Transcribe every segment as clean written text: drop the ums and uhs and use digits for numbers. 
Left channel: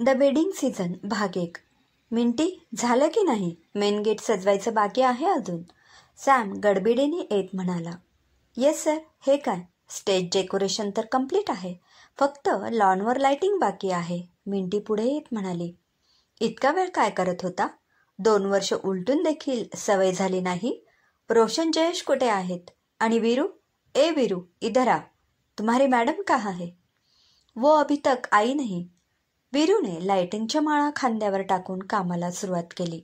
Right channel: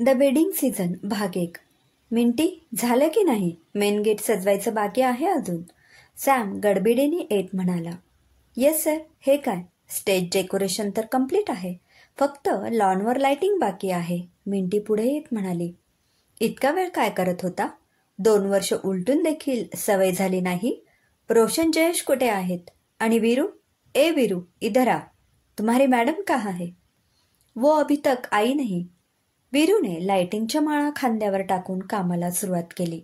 The wedding season भाग 1. Minty, झालं की नाही? मेन गेट सजवायचं बाकी आहे अजून. सॅम गडबडीने येत म्हणाला. Yes sir. हे काय? स्टेज डेकोरेशन तर कम्प्लीट आहे, फक्त लॉनवर लाइटिंग बाकी आहे. मिंटी पुढे येत म्हणाली. इतका वेळ काय करत होता? 2 वर्ष उलटून देखील सवय झाली नाही. रोशन जयेश कुठे आहेत? आणि वीरू? ए वीरू, इधर आ. तुम्हारी मैडम कहाँ है? वो अभी तक आई नहीं. वीरूने लाइटिंगच्या माळा खांद्यावर टाकून कामाला सुरुवात केली.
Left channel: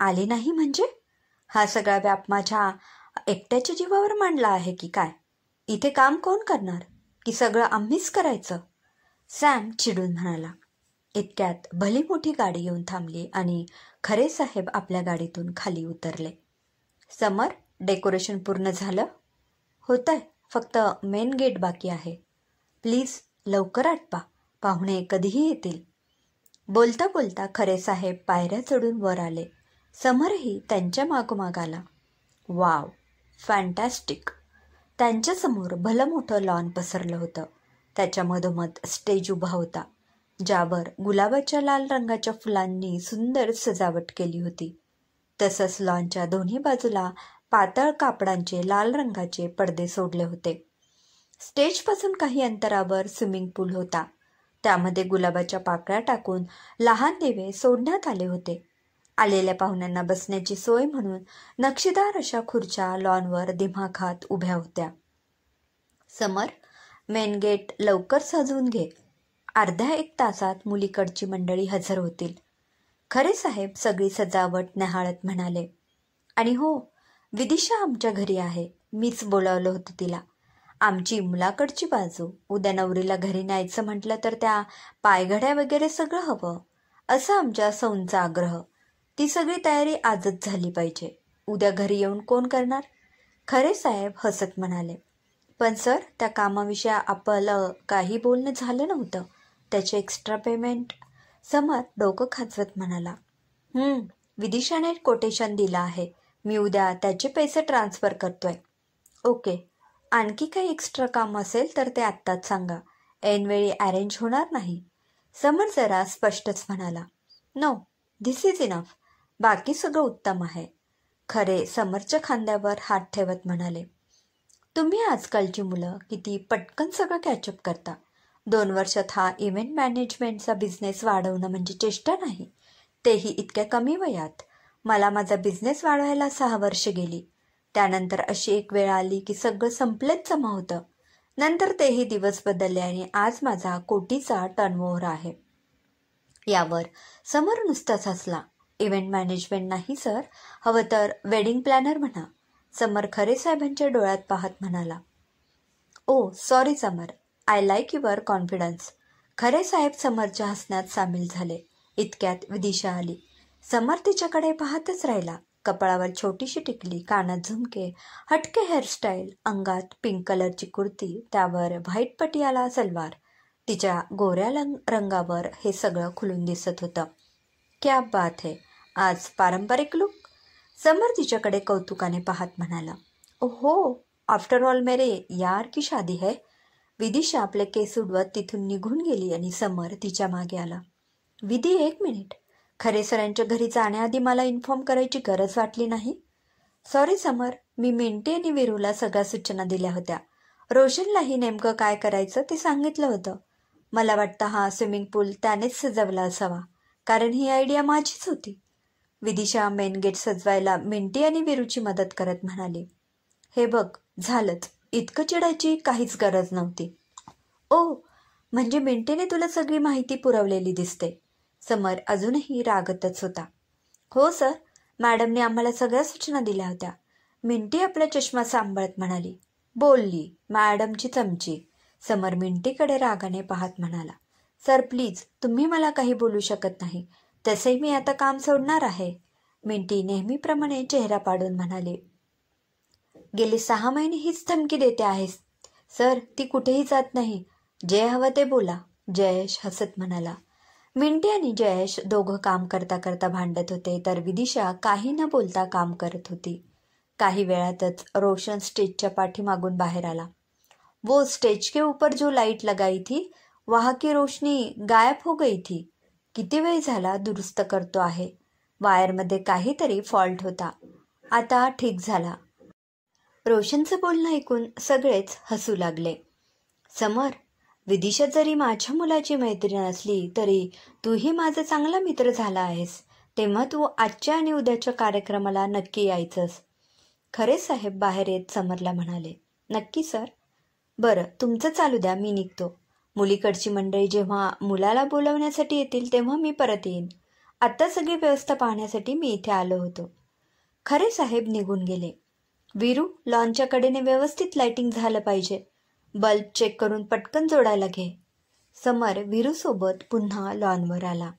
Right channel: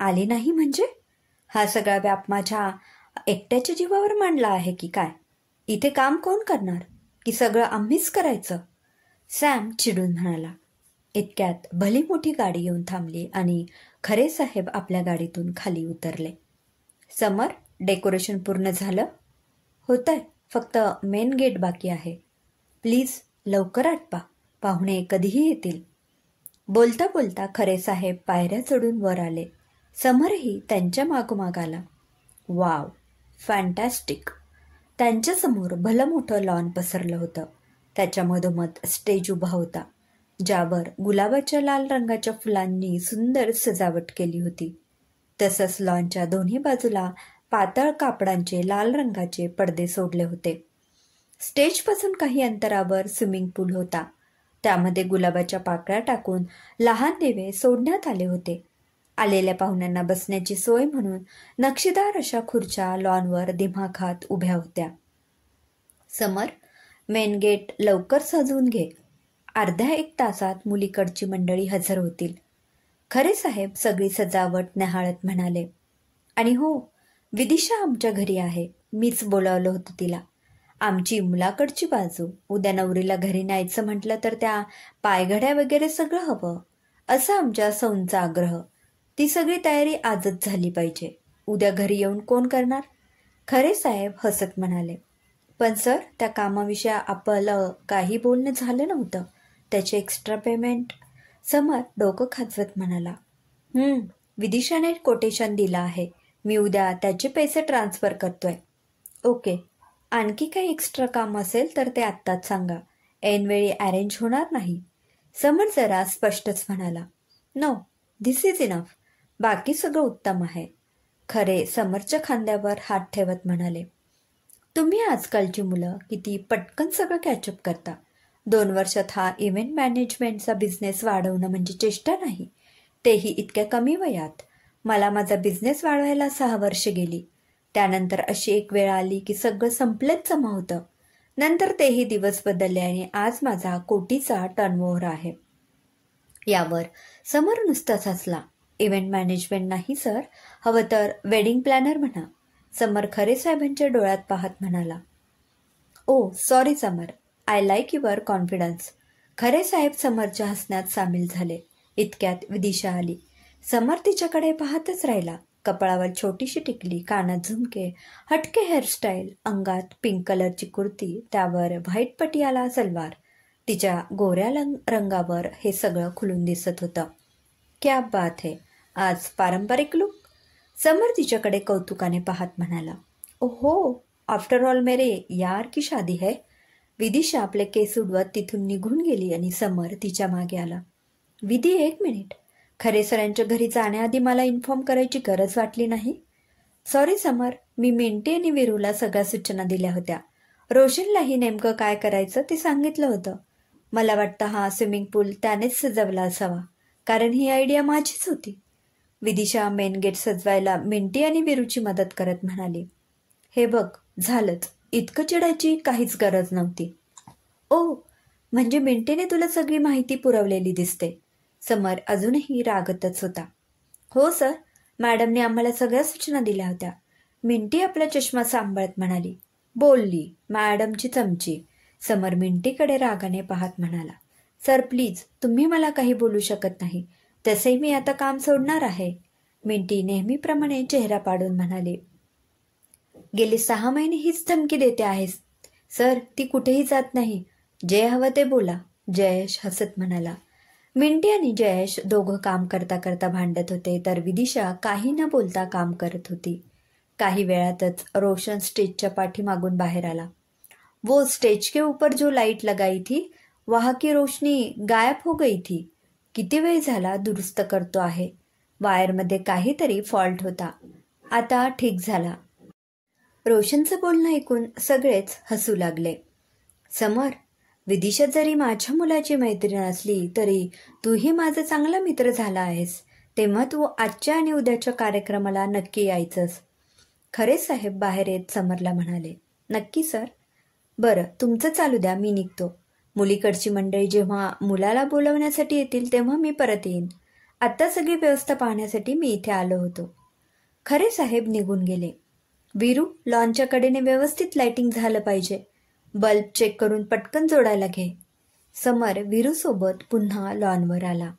आली नाही म्हणजे? हा सगळा व्याप माझ्या एकट्याच्या जीवावर मांडला आहे की काय? इथे काम कोण करणार? की सगळं आम्हीच करायचं? सॅम चिडून म्हणाला. इतक्यात भली मोठी गाडी येऊन थांबली आणि खरे साहेब आपल्या गाडीतून खाली उतरले. समर, डेकोरेशन पूर्ण झालं? होतंय, फक्त मेन गेट बाकी आहे. प्लीज लवकर आटपा, पाहुणे कधीही येतील. बोलता बोलता खरे साहेब पायऱ्या चढून वर आले. समरही त्यांच्या मागोमाग आला. Wow, fantastic. त्यांच्यासमोर भलं मोठं लॉन पसरलं होतं. त्याच्या मधोमध स्टेज उभा होता, ज्यावर गुलाबाच्या लाल रंगाच्या फुलांनी सुंदर सजावट केली होती. तसंच लॉनच्या दोन्ही बाजूला पातळ कापडांचे लाल रंगाचे पडदे सोडले होते. स्टेजपासून काही अंतरावर स्विमिंग पूल होता. त्यामध्ये गुलाबाच्या पाकळ्या टाकून लहान दिवे सोडण्यात आले होते. आलेल्या पाहुण्यांना बसण्याची सोय म्हणून नक्षीदार अशा खुर्च्या लॉनवर दिमाखात उभ्या होत्या. समर, मेन गेट लवकर सजवून घे. अर्ध्या 1 तासात मुलीकडची मंडळी हजर होतील. खरे साहेब सगळी सजावट निहाळत म्हणाले. आणि हो, विदिशा आमच्या घरी आहे. मीच बोलावलं होतं तिला. आमची मुलाकडची बाजू. उद्या नवरीला घरी न्यायचं म्हटलं तर त्या पायघड्या वगैरे सगळं हवं, असं आमच्या सौंचा आग्रह. ती सगळी तयारी आजच झाली पाहिजे. उद्या घरी येऊन कोण करणार? खरे साहेब हसत म्हणाले. पण सर, त्या कामाविषयी आपलं काही बोलणं झालं नव्हतं. त्याचे एक्स्ट्रा पेमेंट. समर डोकं खाजवत म्हणाला. विदिशाने कोटेशन दिलं आहे. मी उद्या त्याचे पैसे ट्रान्सफर करतोय. ओके. आणखी काही एक्स्ट्रा काम असेल तर ते आत्ताच सांगा. ऐनवेळी अरेंज होणार नाही. समर जरा स्पष्टच म्हणाला. No, this is enough. बाकी सगळं उत्तम आहे. खरे समरच्या खांद्यावर हात ठेवत म्हणाले. तुम्ही आजकालची मुलं किती पटकन सगळं कॅचअप करता. 2 वर्षात हा इव्हेंट मॅनेजमेंटचा बिझनेस वाढवणं म्हणजे चेष्टा नाही, तेही इतक्या कमी वयात. मला माझा बिझनेस वाढवायला 6 वर्ष गेली. त्यानंतर अशी एक वेळ आली की सगळं संपलेच जमा होतं. नंतर तेही दिवस बदलले आणि आज माझा कोटीचा टर्नओव्हर आहे. यावर समर नुसताच हसला. इव्हेंट मॅनेजमेंट नाही सर, हवं तर वेडिंग प्लॅनर म्हणा. समर खरे साहेबांच्या डोळ्यात पाहत म्हणाला. Oh sorry Samar, I like your confidence. खरे साहेब समरच्या हसण्यात सामील झाले. इतक्यात विदिशा आली. समर तिच्याकडे पाहतच राहिला. कपाळावर छोटीशी टिकली, कानात झुमके, हटके हेअरस्टाईल, अंगात पिंक कलरची कुर्ती, त्यावर व्हाईट पटियाला सलवार. तिच्या गोऱ्या रंगावर हे सगळं खुलून दिसत होतं. क्या बात है, आज पारंपरिक लुक. समर तिच्याकडे कौतुकाने पाहत म्हणाला. ओहो, आफ्टर ऑल मेरे यार की शादी है. विदिशा आपले केस उडवत तिथून निघून गेली आणि समर तिच्या मागे आला. विधी, 1 मिनिट. खरे सरांच्या घरी जाण्याआधी मला इन्फॉर्म करायची गरज वाटली नाही. सॉरी समर, मी मिंटी आणि वीरूला सगळ्या सूचना दिल्या होत्या. रोशनलाही नेमकं काय करायचं ते सांगितलं होतं. मला वाटतं हा स्विमिंग पूल त्यानेच सजवला असावा, कारण ही आयडिया माझीच होती. विदिशा मेन गेट सजवायला मिंटी आणि वीरूची मदत करत म्हणाली. हे बघ, झालंच. इतकं चिडायची काहीच गरज नव्हती. ओ, म्हणजे मिंटीने तुला सगळी माहिती पुरवलेली दिसते. समर अजूनही रागतच होता. हो सर, मॅडमने आम्हाला सगळ्या सूचना दिल्या होत्या. मिंटी आपला चष्मा सांभाळत म्हणाली. बोलली मॅडमची चमची. समर मिंटीकडे रागाने पाहत म्हणाला. सर प्लीज, तुम्ही मला काही बोलू शकत नाही. तसेही मी आता काम सोडणार आहे. मिंटी नेहमीप्रमाणे चेहरा पाडून म्हणाली. गेली 6 महिने हीच धमकी देते आहेस. सर, ती कुठेही जात नाही. जे हवं ते बोला. जयेश हसत म्हणाला. मिंटी आणि जयेश दोघं काम करता करता भांडत होते, तर विदिशा काही न बोलता काम करत होती. काही वेळातच रोशन स्टेजच्या पाठीमागून बाहेर आला. वो स्टेज के ऊपर जो लाइट लगाई थी वहां की रोशनी गायब हो गई थी. किती वेळ झाला दुरुस्त करतो आहे. वायरमध्ये काहीतरी फॉल्ट होता. आता ठीक झाला. रोशनचं बोलणं ऐकून सगळेच हसू लागले. समर, विदिशा जरी माझ्या मुलाची मैत्रीण असली तरी तूही माझा चांगला मित्र झाला आहेस. तेव्हा तू आजच्या आणि उद्याच्या कार्यक्रमाला नक्की यायचंस. खरे साहेब बाहेर येत समरला म्हणाले. नक्की सर. बरं, तुमचं चालू द्या, मी निघतो. मुलीकडची मंडळी जेव्हा मुलाला बोलवण्यासाठी येतील तेव्हा मी परत येईन. आता सगळी व्यवस्था पाहण्यासाठी मी इथे आलो होतो. खरे साहेब निघून गेले. वीरू, लॉनच्या कडेने व्यवस्थित लाइटिंग झालं पाहिजे. बल्ब चेक करून पटकन जोडायला घे. समर वीरूसोबत पुन्हा लॉनवर आला.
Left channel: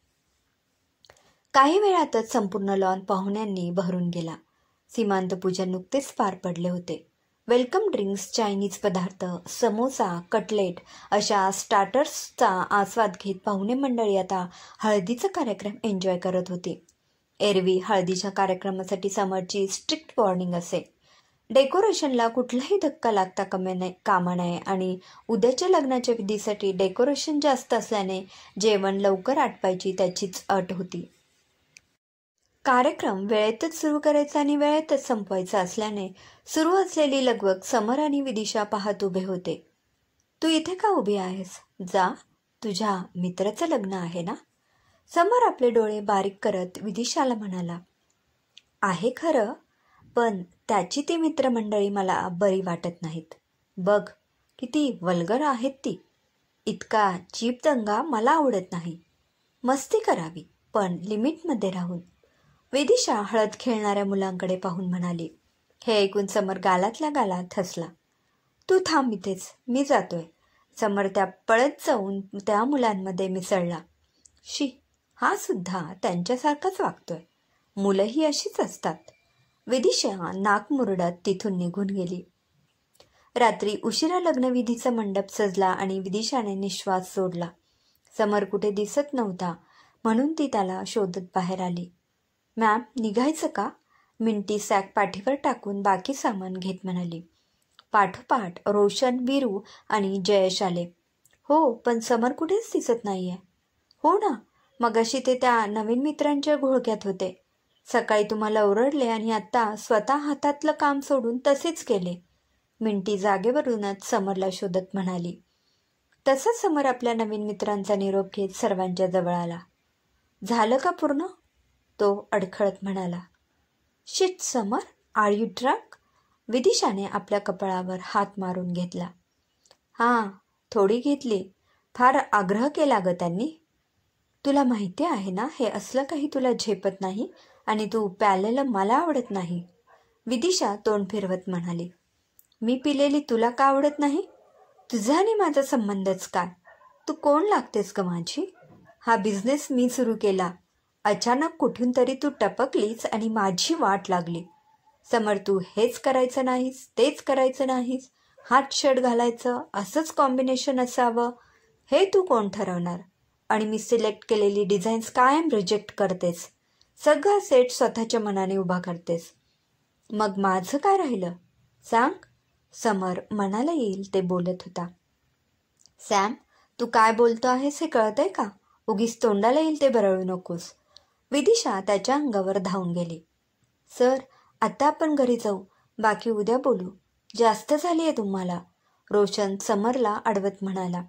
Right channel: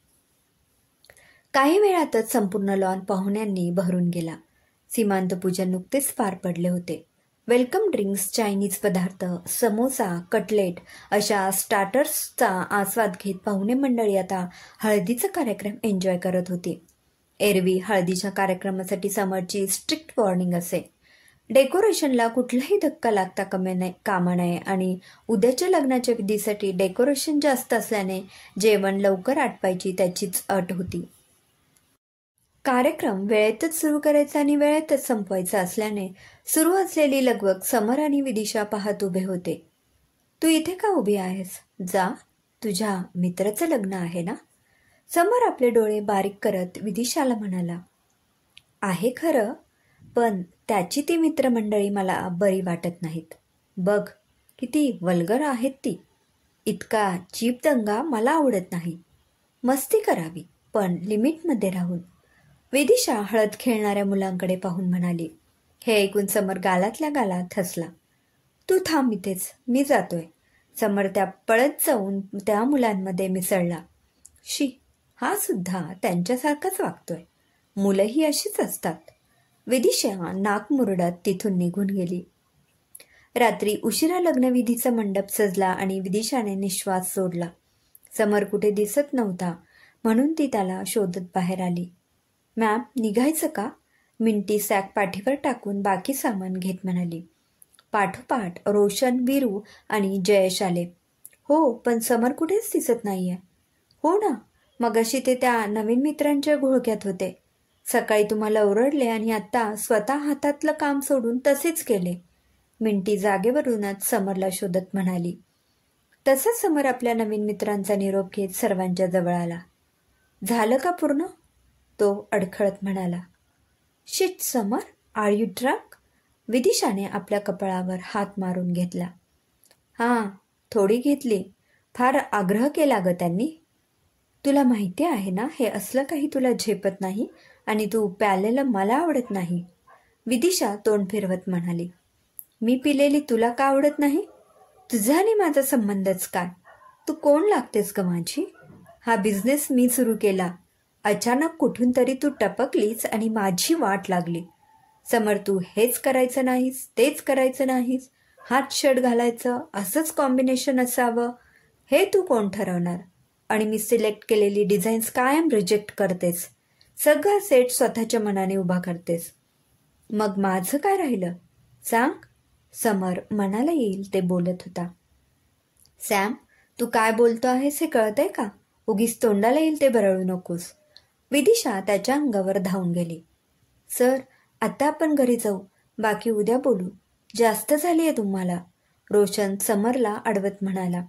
काही वेळातच संपूर्ण लॉन पाहुण्यांनी भरून गेला. सीमांतपूजन नुकतेच पार पडले होते. वेलकम ड्रिंक्स, चायनीज पदार्थ, समोसा, कटलेट अशा स्टार्टर्सचा आस्वाद घेत पाहुणे मंडळी आता हळदीचा कार्यक्रम एन्जॉय करत होती. एरवी हळदीच्या कार्यक्रमासाठी समरची स्ट्रिक्ट वॉर्निंग असे. डेकोरेशनला कुठलाही धक्का लागता कामा नये आणि उद्याच्या लग्नाच्या विधीसाठी डेकोरेशन जास्त असल्याने जेवण लवकर आटपायची त्याचीच अट होती. कार्यक्रम वेळेतच सुरू करायचा आणि वेळेतच संपवायचा असल्याने सुरू असलेली लगबग समर आणि विदिशा पाहत उभे होते. तू इथे का उभी आहेस? जा, तुझ्या मित्राचं लग्न आहे ना? समर आपले डोळे बारीक करत विदिशाला म्हणाला. आहे खरं, पण त्याची ती मित्रमंडळी मला बरी वाटत नाहीत. बघ, किती वल्गर आहेत ती. इतका चीप दंगा मला आवडत नाही. मस्ती करावी, पण लिमिटमध्ये राहून. विदिशा हळद खेळणाऱ्या मुलांकडे पाहून म्हणाली. हे ऐकून समर गालातल्या गालात हसला. तू थांब इथेच, मी जातोय. समर त्या पळत जाऊन त्या मुलांमध्ये मिसळला. शी, हा सुद्धा त्यांच्यासारखाच वागतोय. मुलंही अशीच असतात. विदिशा नाक मुरडत तिथून निघून गेली. रात्री उशिरा लग्नविधीचा मंडप सजला आणि विदिशाने निश्वास सोडला. समर कुठे दिसत नव्हता म्हणून ती त्याला शोधत बाहेर आली. मॅम, निघायचं का? मिंटी सॅक पाठीवर टाकून बाकी सामान घेत म्हणाली. पाठोपाठ रोशन, वीरू आणि जयेश आले. हो, पण समर कुठेच दिसत नाहीये. हो ना, मगाशी ते त्या नवीन मित्रांच्या घोळक्यात होते. सकाळी तुम्हाला ओरडले आणि आता स्वतः हातातलं काम सोडून तसेच केले. मिंटी जागेवरूनच समरला शोधत म्हणाली. तसंच समर आपल्या नवीन मित्रांचा निरोप घेत सर्वांच्या जवळ आला. झालं का पूर्ण? तो अडखळत म्हणाला. Shit Samar, are you drunk? विदिशाने आपल्या कपाळावर हात मारून घेतला. हां, थोडी घेतली. फार आग्रह केला ग त्यांनी. तुला माहिती आहे ना, हे असलं काही तुला झेपत नाही आणि तू प्यालेलं मला आवडत नाही. विदिशा तोंड फिरवत म्हणाली. मी पिलेली तुला का आवडत नाही? तुझा आणि माझा संबंधच काय? तू कोण लागतेस ग माझी? हा बिझनेस मी सुरू केला. अचानक कुठून तरी तू टपकलीस आणि माझी वाट लागली. समर, तू हेच करायचं नाहीस, तेच करायचं नाहीस, हात शर्ट घालायचं, असंच कॉम्बिनेशन असावं, हे तू कोण ठरवणार? आणि मी सिलेक्ट केलेली डिझाईन्स कायम रिजेक्ट करतेस. सगळा सेट स्वतःच्या मनाने उभा करतेस. मग माझं काय राहिलं सांग? समर मनाला येईल ते बोलत होता. सॅम, तू काय बोलतो आहेस हे कळतंय का? उगीच तोंडाला येईल ते बरळू नकोस. विदिशा त्याच्या अंगावर धावून गेली. सर, आता आपण घरी जाऊ, बाकी उद्या बोलू. जास्त झालीये तुम्हाला, रोशन समरला अडवत म्हणाला.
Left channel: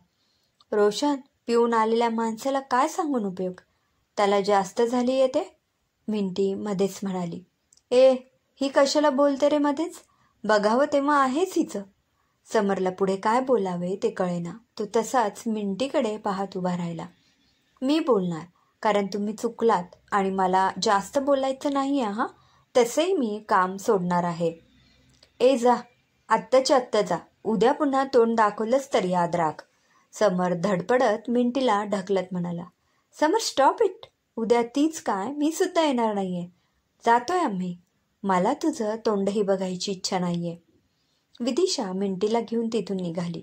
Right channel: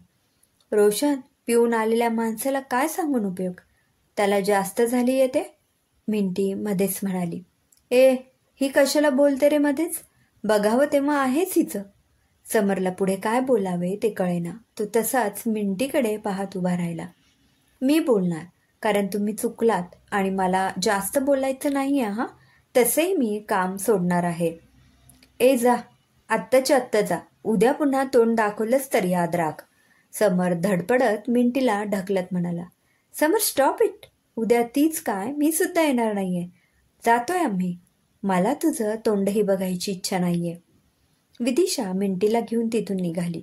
रोशन, पिऊन आलेल्या माणसाला काय सांगून उपयोग? त्याला जास्त झाली येते, मिंटी मध्येच म्हणाली. ए, ही कशाला बोलते रे मध्येच? बघावं तेव्हा आहेच हिचं. समरला पुढे काय बोलावे ते कळेना. तो तसाच मिंटीकडे पाहत उभा राहिला. मी बोलणार, कारण तुम्ही चुकलात आणि मला जास्त बोलायचं नाहीये. हा, तसेही मी काम सोडणार आहे. ए जा, आत्ताच्या आत्ता जा. उद्या पुन्हा तोंड दाखवलंच तर याद राख. समर धडपडत मिंटीला ढकलत म्हणाला. समर, स्टॉप इट. उद्या तीच काय, मी सुद्धा येणार नाहीये. जातोय आम्ही. मला तुझं तोंडही बघायची इच्छा नाहीये. विदिशा मिंटीला घेऊन तिथून निघाली.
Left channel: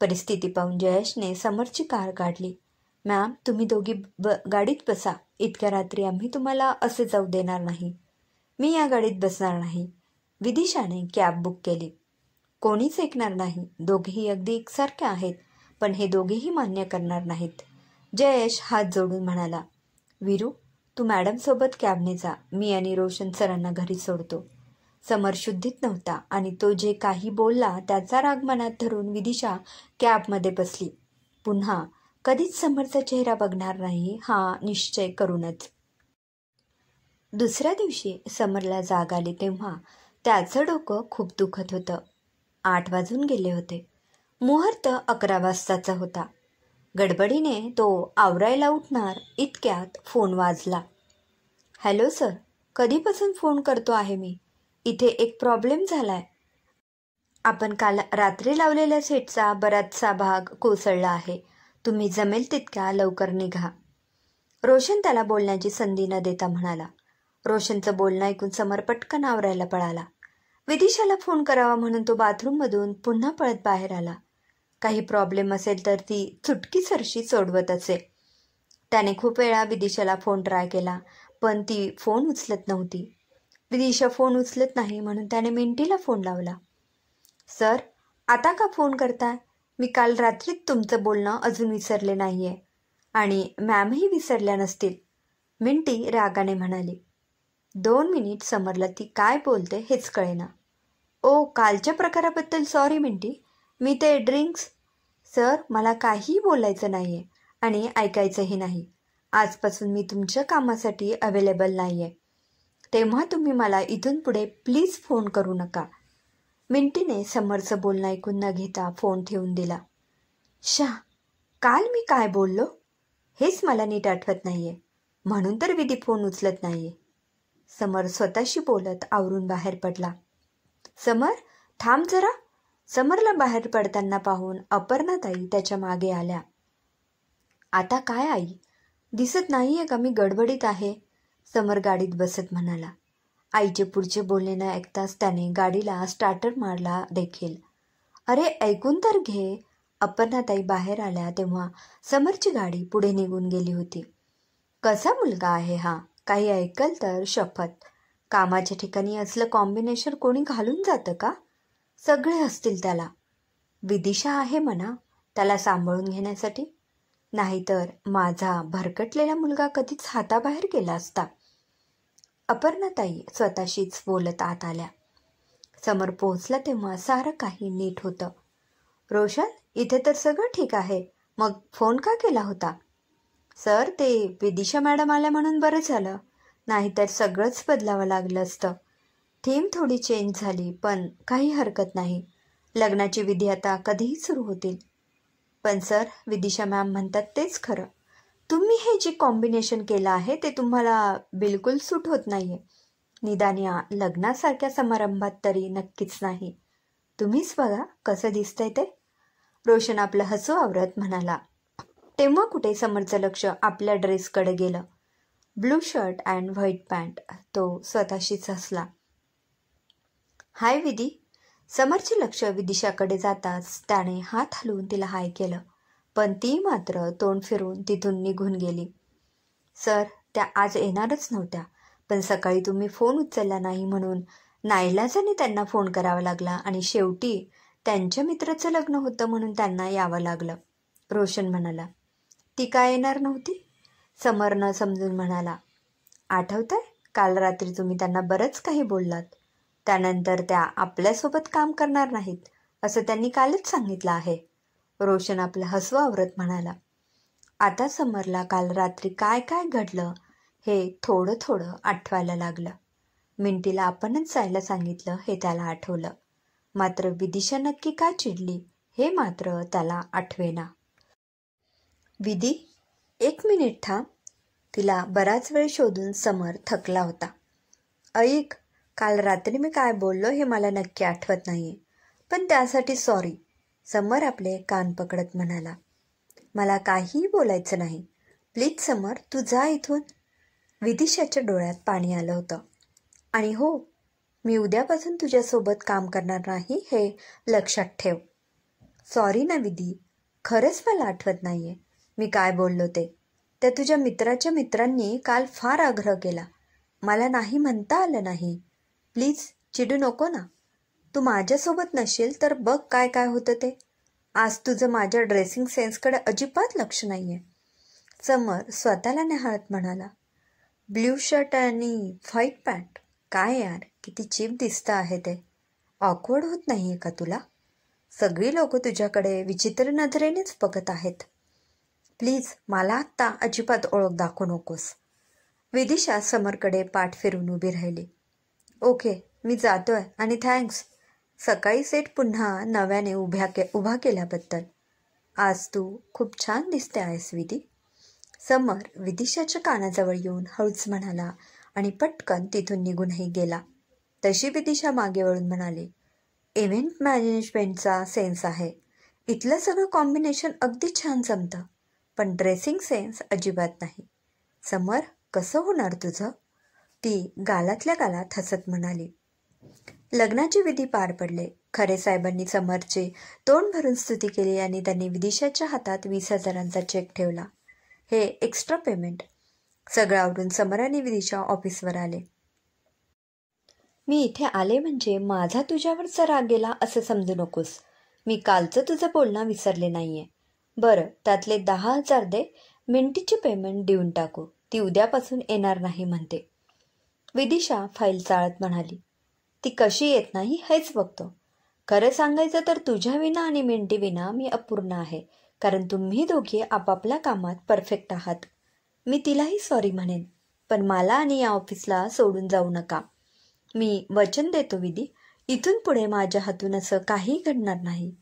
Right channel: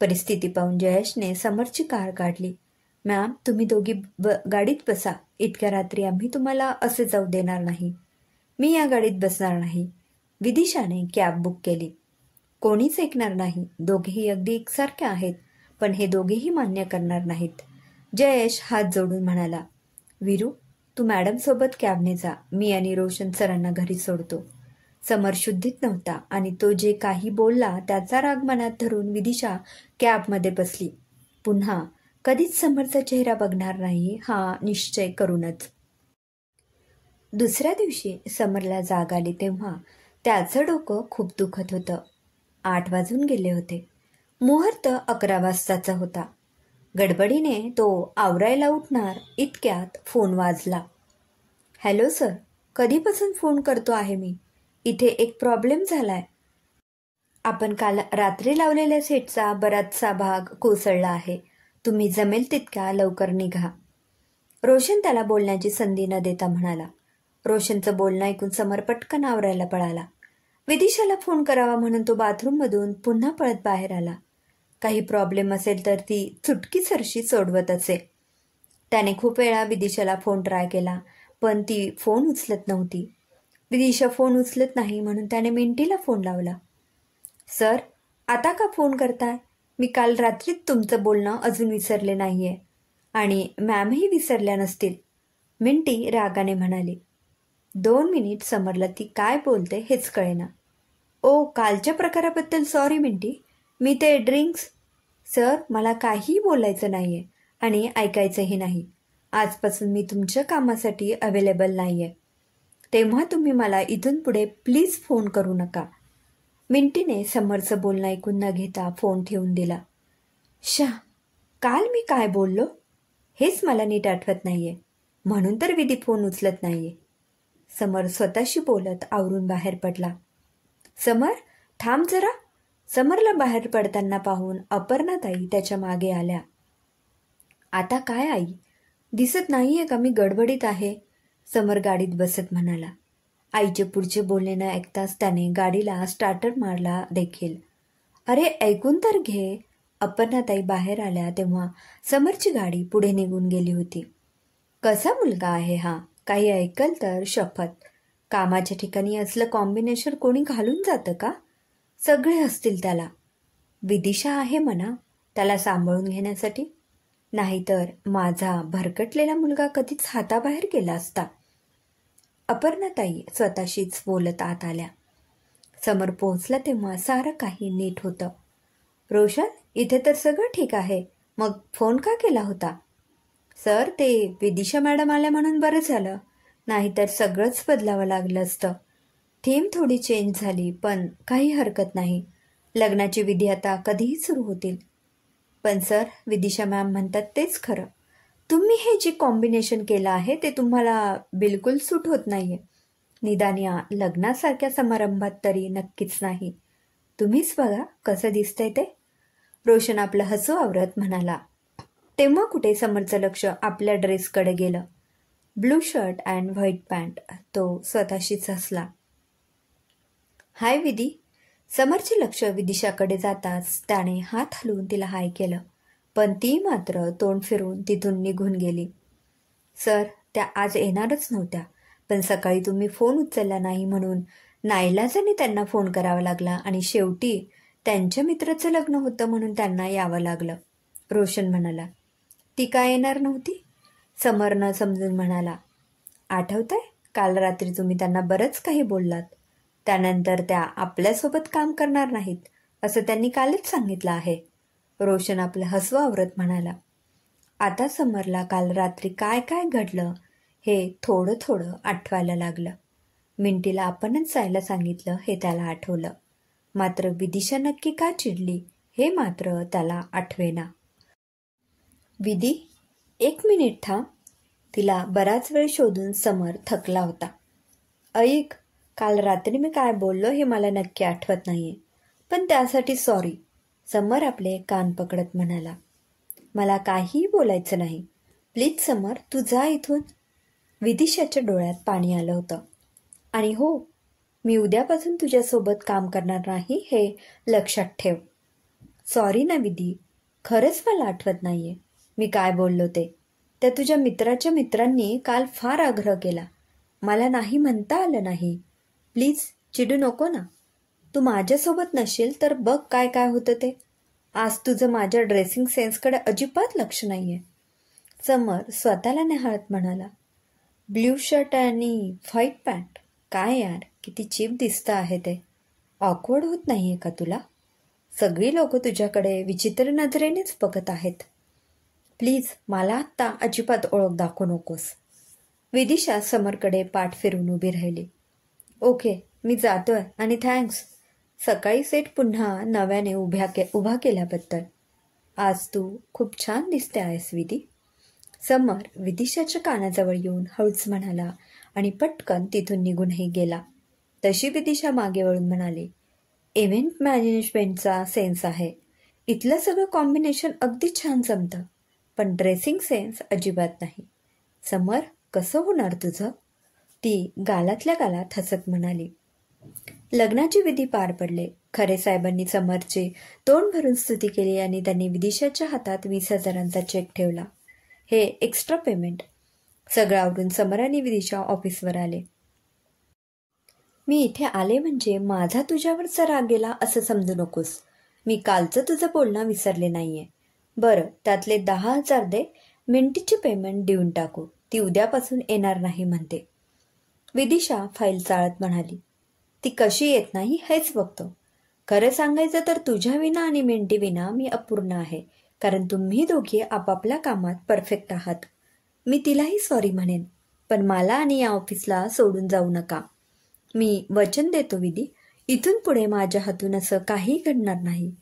परिस्थिती पाहून जयेशने समरची कार काढली. मॅम, तुम्ही दोघी गाडीत बसा. इतक्या रात्री आम्ही तुम्हाला असे जाऊ देणार नाही. मी या गाडीत बसणार नाही. विदिशाने कॅब बुक केली. कोणीच ऐकणार नाही. दोघेही अगदी एकसारखे आहेत, पण हे दोघेही मान्य करणार नाहीत. जयेश हात जोडून म्हणाला, वीरू, तू मॅडमसोबत कॅबने जा. मी आणि रोशन सरांना घरी सोडतो. समर शुद्धीत नव्हता आणि तो जे काही बोलला त्याचा राग मनात धरून विदिशा कॅबमध्ये बसली. पुन्हा कधीच समरचा चेहरा बघणार नाही हा निश्चय करूनच. दुसऱ्या दिवशी समरला जाग आली तेव्हा त्याचं डोकं खूप दुखत होतं. 8 वाजून गेले होते. मुहूर्त 11 वाजताचा होता. गडबडीने तो आवरायला उठणार इतक्यात फोन वाजला. हॅलो सर, कधीपासून फोन करतो आहे मी. इथे एक प्रॉब्लेम झालाय. आपण काल रात्री लावलेल्या सेटचा बराचसा भाग कोसळला आहे. तुम्ही जमेल तितक्या लवकर निघा. रोशन त्याला बोलण्याची संधी न देता म्हणाला. रोशनचं बोलणं ऐकून समर पटकन आवरायला पळाला. विदिशाला फोन करावा म्हणून तो बाथरूममधून पुन्हा पळत बाहेर आला. काही प्रॉब्लेम असेल तर ती चुटकीसरशी सोडवत असे. त्याने खूप वेळा विदिशाला फोन ट्राय केला, पण ती फोन उचलत नव्हती. विदिशा फोन उचलत नाही म्हणून त्याने मिंटीला फोन लावला. सर, आता का फोन करताय? मी काल रात्रीत तुमचं बोलणं अजून विसरले नाहीये आणि मॅमही विसरल्या नसतील, मिंटी रागाने म्हणाली. 2 मिनिट समरला ती काय बोलते हेच कळेना. ओ, कालच्या प्रकाराबद्दल सॉरी मिंटी. मी ते ड्रिंक्स. सर, मला काहीही बोलायचं नाहीये आणि ऐकायचंही नाही. आजपासून मी तुमच्या कामासाठी अवेलेबल नाहीये. तेव्हा तुम्ही मला इथून पुढे प्लीज फोन करू नका. मिंटीने समरचं बोलणं ऐकून न घेता फोन ठेवून दिला. काल मी काय बोललो हेच मला नीट आठवत नाहीये, म्हणून तर विधी फोन उचलत नाहीये. समर स्वतःशी बोलत आवरून बाहेर पडला. समर, थांब जरा. समरला बाहेर पडताना पाहून अपर्णाताई त्याच्या मागे आल्या. आता काय आई, दिसत नाहीये का मी गडबडीत आहे? समर गाडीत बसत म्हणाला. आईचे पुढचे बोलणे न ऐकताच त्याने गाडीला स्टार्टर मारला देखील. अरे ऐकून तर घे. अपर्णाताई बाहेर आल्या तेव्हा समरची गाडी पुढे निघून गेली होती. कसा मुलगा आहे हा, काही ऐकल तर शपथ. कामाच्या ठिकाणी असलं कॉम्बिनेशन कोणी घालून जातं का? सगळे हसतील त्याला. विदिशा आहे म्हणा त्याला सांभाळून घेण्यासाठी, नाहीतर माझा भरकटलेला मुलगा कधीच हाताबाहेर गेला असता. अपर्णाताई स्वतःशीच बोलत आत आल्या. समोर पोहोचला तेव्हा सारं काही नीट होतं. रोशन, इथे तर सगळं ठीक आहे, मग फोन का केला होता? सर, ते विदिशा मॅडम आल्या म्हणून बरं झालं, नाहीतर सगळंच बदलावं लागलं असतं. थीम थोडी चेंज झाली, पण काही हरकत नाही. लग्नाची विधी आता कधीही सुरू होतील. पण सर, विदिशा मॅम म्हणतात तेच खरं. तुम्ही हे जे कॉम्बिनेशन केलं आहे ते तुम्हाला बिलकुल सूट होत नाहीये. निदान या लग्नासारख्या समारंभात तरी नक्कीच नाही. तुम्हीच बघा कसं दिसतंय ते. रोशन आपलं हसू आवरत म्हणाला. तेव्हा कुठे समरचं लक्ष आपल्या ड्रेसकडे गेलं. Blue shirt and white pant. तो स्वतःशीच हसला. हाय विधी. समरचे लक्ष विदिशाकडे जाताच त्याने हात हलवून तिला हाय केलं, पण ती मात्र तोंड फिरून तिथून निघून गेली. सर, त्या आज येणारच नव्हत्या, पण सकाळी तुम्ही फोन उचलला नाही म्हणून नाईलाजाने त्यांना फोन करावा लागला आणि शेवटी त्यांच्या मित्राचं लग्न होतं म्हणून त्यांना यावं लागलं. रोशन म्हणाला. ती काय येणार नव्हती? समरनं समजून म्हणाला. आठवतंय, काल रात्री तुम्ही त्यांना बरंच काही बोललात. त्यानंतर त्या आपल्यासोबत काम करणार नाहीत असं त्यांनी कालच सांगितलं आहे. रोशन आपलं हसू आवरत म्हणाला. आता समरला काल रात्री काय काय घडलं हे थोडं थोडं आठवायला लागलं. मिंटीला आपणच जायला सांगितलं हे त्याला आठवलं, मात्र विदिशा नक्की का चिडली हे मात्र त्याला आठवेना. विधी, 1 मिनिट थांब. तिला बराच वेळ शोधून समर थकला होता. ऐक, काल रात्री मी काय बोललो हे मला नक्की आठवत नाहीये, पण त्यासाठी सॉरी. समर आपले कान पकडत म्हणाला. मला काहीही बोलायचं नाही. प्लीज समर, तू जा इथून. विदिशाच्या डोळ्यात पाणी आलं होतं. आणि हो, मी उद्यापासून तुझ्यासोबत काम करणार नाही हे लक्षात ठेव. सॉरी ना विधी, खरंच मला आठवत नाहीये मी काय बोललो ते. त्या तुझ्या मित्राच्या मित्रांनी काल फार आग्रह केला, मला नाही म्हणता आलं नाही. प्लीज चिडू नको ना. तू माझ्यासोबत नसेल तर बघ काय काय होतं ते. आज तुझं माझ्या ड्रेसिंग सेन्सकडे अजिबात लक्ष नाहीये. समर स्वतःला निहाळत म्हणाला. ब्ल्यू शर्ट आणि व्हाईट पॅन्ट, काय यार, किती चीप दिसतं आहे ते. ऑकवर्ड होत नाहीये का तुला? सगळी लोक तुझ्याकडे विचित्र नजरेनेच बघत आहेत. प्लीज मला आत्ता अजिबात ओळख दाखवू नकोस. विदिशा समरकडे पाठ फिरून उभी राहिली. ओके, मी जातोय आणि थँक्स सकाळी सेट पुन्हा नव्याने उभा केल्याबद्दल. आज तू खूप छान दिसते आहेस विधी. समर विदिशाच्या कानाजवळ येऊन हळूच म्हणाला आणि पटकन तिथून निघूनही गेला. तशी विदिशा मागे वळून म्हणाली, इव्हेंट मॅनेजमेंटचा सेन्स आहे. इथलं सगळं कॉम्बिनेशन अगदी छान जमतं, पण ड्रेसिंग सेन्स अजिबात नाही. समर, कसं होणार तुझं? ती गालातल्या गालात हसत म्हणाली. लग्नाची विधी पार पडले. खरे साहेबांनी समरचे तोंड भरून स्तुती केली आणि त्यांनी विदिशाच्या हातात 20,000चा चेक ठेवला. हे एक्स्ट्रा पेमेंट. सगळं आवरून समर आणि विदिशा ऑफिसवर आले. मी इथे आले म्हणजे माझा तुझ्यावरचा राग गेला असं समजू नकोस. मी कालचं तुझं बोलणं विसरले नाहीये. बरं, त्यातले 10,000 दे. मिंटीची पेमेंट देऊन टाकू. ती उद्यापासून येणार नाही म्हणते. विदिशा फाईल चाळत म्हणाली. ती कशी येत नाही हेच बघतो. खरं सांगायचं तर तुझ्या विना आणि मिंटी विना मी अपूर्ण आहे, कारण तुम्ही दोघे आपापल्या कामात परफेक्ट आहात. मी तिलाही सॉरी म्हणेन, पण मला आणि या ऑफिसला सोडून जाऊ नका. मी वचन देतो विधी, इथून पुढे माझ्या हातून असं काही घडणार नाही.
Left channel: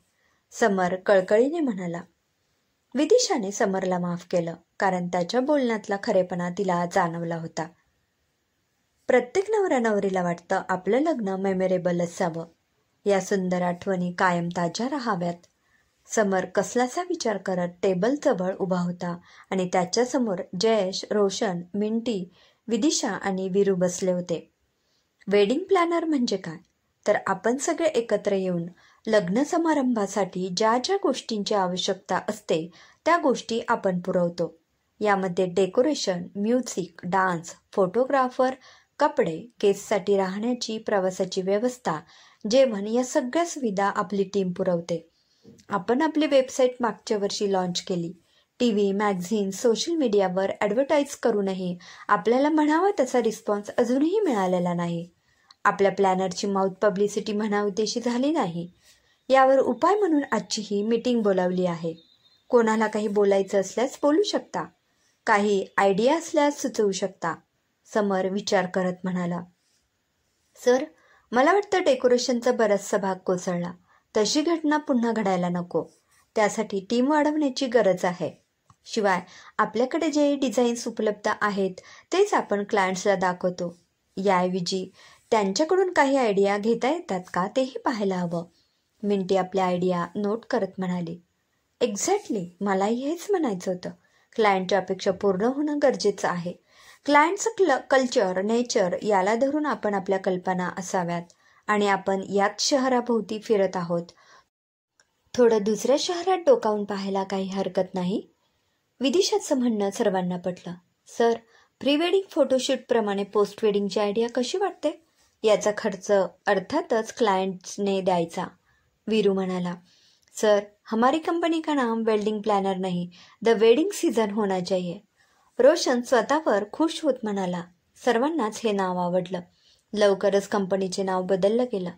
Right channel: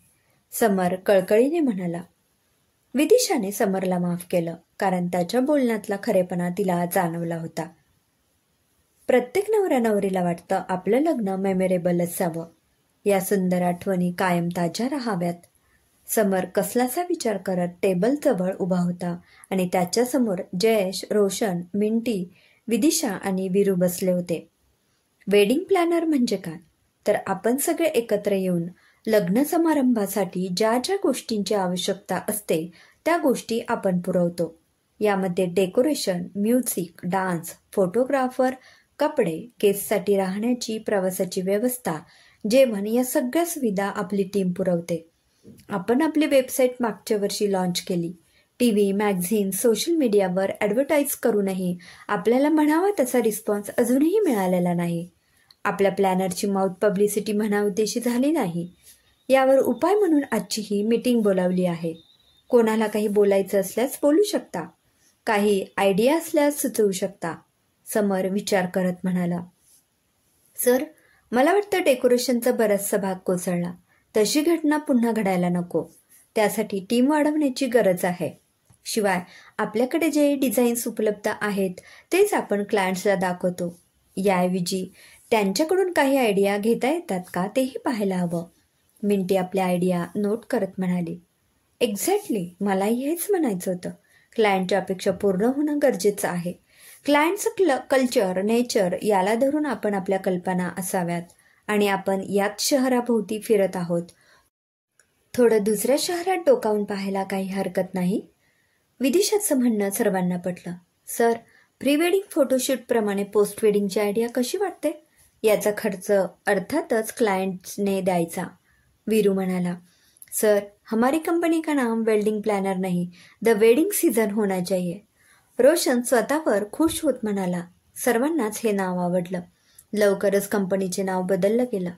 समर कळकळीने म्हणाला. विदिशाने समरला माफ केलं, कारण त्याच्या बोलण्यातला खरेपणा तिला जाणवला होता. प्रत्येक नवऱ्या नवरीला वाटतं आपलं लग्न मेमोरेबल असावं, या सुंदर आठवणी कायम ताज्या राहाव्यात. समर कसलासा विचार करत टेबलजवळ उभा होता आणि त्याच्यासमोर जयेश, रोशन, मिंटी, विदिशा आणि वीरू बसले होते. वेडिंग प्लॅनर म्हणजे काय, तर आपण सगळे एकत्र येऊन लग्न समारंभासाठी ज्या ज्या गोष्टींची आवश्यकता असते त्या गोष्टी आपण पुरवतो. यामध्ये डेकोरेशन, म्युझिक, डान्स, फोटोग्राफर, कपडे, गेस्टसाठी राहण्याची, प्रवासाची व्यवस्था, जेवण या सगळ्या सुविधा आपली टीम पुरवते. आपण आपली वेबसाईट मागच्या वर्षी लॉन्च केली. टीव्ही, मॅगझिन, सोशल मीडियावर ॲडव्हर्टाईज करूनही आपल्याला म्हणावा तसा रिस्पॉन्स अजूनही मिळालेला नाही. आपल्या प्लॅनरची माउथ पब्लिसिटी म्हणावी तशी झाली नाही. यावर उपाय म्हणून आजची ही मीटिंग बोलावली आहे. कोणाला काही बोलायचं असल्यास बोलू शकता, काही आयडिया असल्यास सुचवू शकता. समर विचार करत म्हणाला. सर, मला वाटतं डेकोरेशनचा बराचसा भाग कोसळला. तशी घटना पुन्हा घडायला नको. त्यासाठी टीम वाढवण्याची गरज आहे. शिवाय आपल्याकडे जे डिझाईन्स उपलब्ध आहेत तेच आपण क्लायंट्सला दाखवतो. याऐवजी त्यांच्याकडून काही आयडिया घेता येतात का तेही पाहायला हवं. मिंटी आपल्या आयडिया नोट करत म्हणाली. एक्झॅक्टली, मलाही हेच म्हणायचं होतं. क्लायंटच्या अपेक्षा पूर्ण होणं गरजेचं आहे. क्लायंटचं कल्चर, नेचर याला धरून आपण आपल्या कल्पना असाव्यात आणि आपण याच शहराभोवती फिरत आहोत. थोडं दुसऱ्या शहरात डोकावून पाहायला काही हरकत नाही. विदिशाचं म्हणणं सर्वांना पटलं. सर, प्री वेडिंग फोटोशूटप्रमाणे पोस्ट वेडिंगची आयडिया कशी वाटते? याचा खर्च अर्थातच क्लायंट्सने द्यायचा. वीरू म्हणाला. सर, हमारी कंपनी का नाम वेडिंग प्लॅनर नहीं, द वेडिंग सीझन होना चाहिए. रोशन स्वतःवर खुश होत म्हणाला. सर्वांनाच हे नाव आवडलं. लवकरच कंपनीचे नाव बदललं गेलं.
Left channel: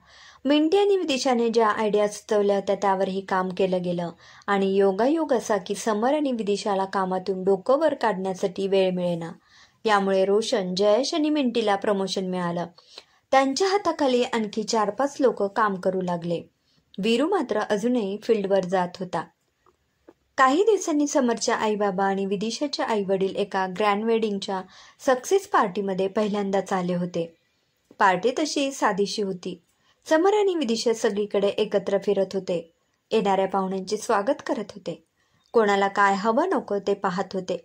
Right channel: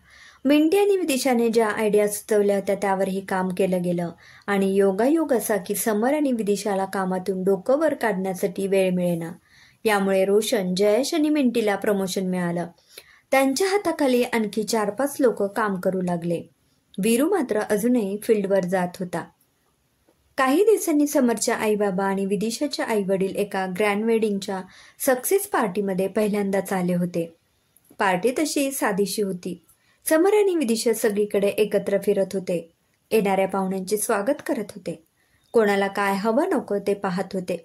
मिंटी आणि विदिशाने ज्या आयडिया सुचवल्या होत्या त्यावरही काम केलं गेलं आणि योगायोग असा की समर आणि विदिशाला कामातून डोकं वर काढण्यासाठी वेळ मिळेना. यामुळे रोशन, जयेश आणि मिंटीला प्रमोशन मिळालं. त्यांच्या हाताखाली आणखी 4-5 लोक काम करू लागले. वीरू मात्र अजूनही फील्डवर जात होता. काही दिवसांनी समरच्या आईबाबा आणि विदिशाच्या आई वडील एका ग्रँड वेडिंगच्या सक्सेस पार्टीमध्ये पहिल्यांदाच आले होते. पार्टी तशी साधीशी होती. समर आणि विदिशा सगळीकडे एकत्र फिरत होते. येणाऱ्या पाहुण्यांचे स्वागत करत होते. कोणाला काय हवं नको ते पाहत होते.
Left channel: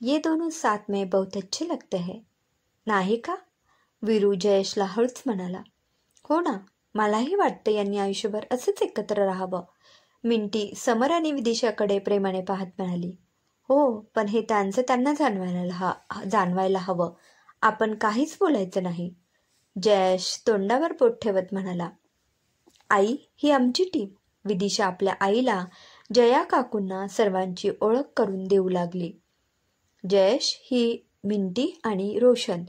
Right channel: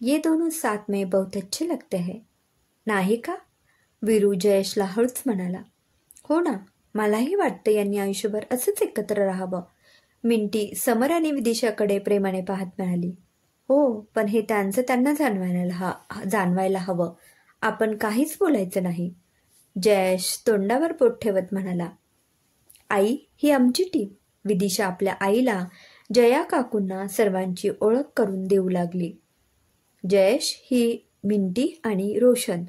ये दोनों साथ में बहुत अच्छे लगते हैं, नाही का? वीरू जयेशला हळूच म्हणाला. हो ना, मलाही वाटतं यांनी आयुष्यभर असंच एकत्र राहावं. मिंटी समर आणि विदिशाकडे प्रेमाने पाहत म्हणाली. हो, पण हे त्यांचं त्यांना जाणवायला हवं. आपण काहीच बोलायचं नाही. जयेश तोंडावर बोट ठेवत म्हणाला. आई, ही आमची टीम. विदिशा आपल्या आईला, जया काकूंना सर्वांची ओळख करून देऊ लागली. जयेश, ही मिंटी आणि रोशन.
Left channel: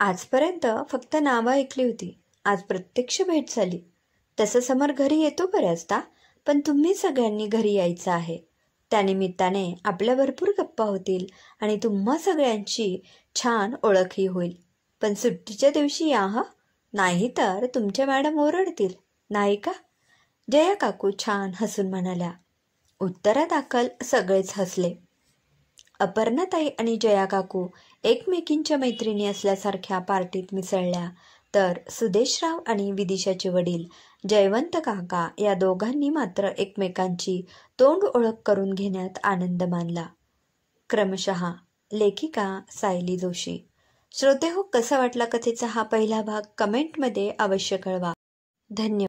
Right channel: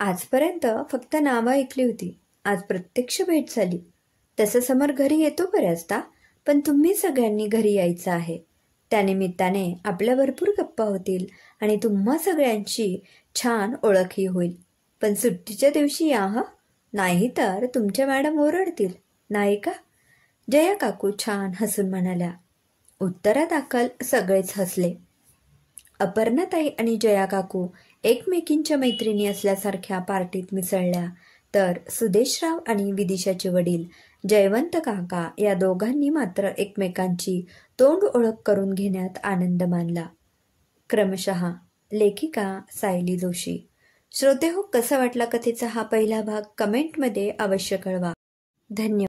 आजपर्यंत फक्त नावं ऐकली होती, आज प्रत्यक्ष भेट झाली. तसं समर घरी येतो बऱ्याचदा, पण तुम्ही सगळ्यांनी घरी यायचं आहे. त्यानिमित्ताने आपल्या भरपूर गप्पा होतील आणि तुम्हा सगळ्यांची छान ओळखही होईल. पण सुट्टीच्या दिवशी या हं, नाही तर तुमच्या मॅडम ओरडतील, नाही का? जया काकू छान हसून म्हणाल्या. उत्तरादाखल सगळेच हसले. अपर्णाताई आणि जया काकू एकमेकींच्या मैत्रिणी असल्यासारख्या पार्टीत मिसळल्या, तर सुदेशराव आणि विदिशाचे वडील जयवंत काका या दोघांनी मात्र एकमेकांची तोंड ओळख करून घेण्यात आनंद मानला. क्रमशः लेखिका सायली जोशी. श्रोते हो, कसा वाटला कथेचा हा पहिला भाग कमेंटमध्ये अवश्य कळवा. धन्यवाद.